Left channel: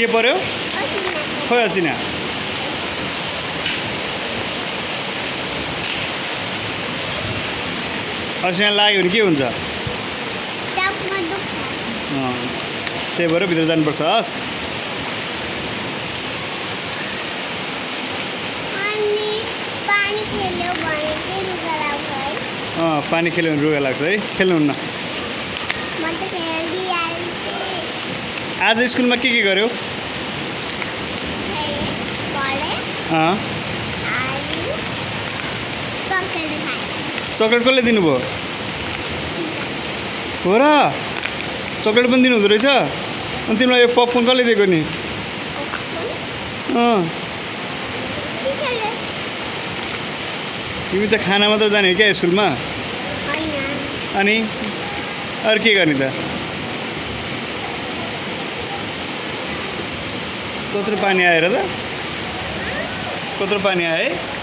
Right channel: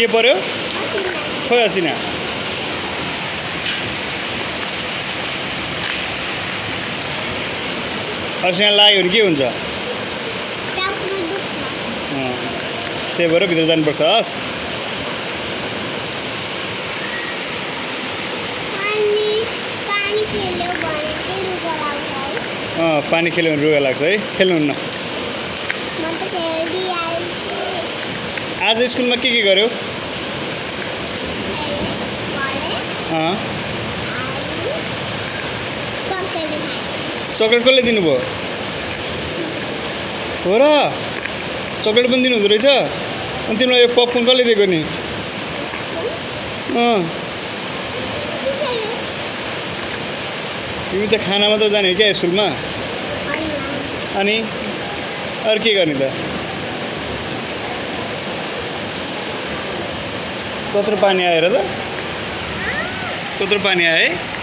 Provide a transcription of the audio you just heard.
के पर्यो खोइ असिना असिना लाग्यो भने के हुन्छ त्यही भएर भित्र जानुपर्छ हस् पानी खेल्यो भने रुगा लाग्छ है खेल्नुहुन्न आज स्कुलमा के गर्यो चकलेट कसले दिनुभयो हो र चकलेट पनि दिनु हुँदो रहेछ अनि तिमीलाई यो पपकर्न कसले दिएको नि तिमी त खाना मात्र जाने हो क्या स्कुलमा अनि अरू के गर्ने त कत्रो पानी आयो र त कत्रो पानी आयो है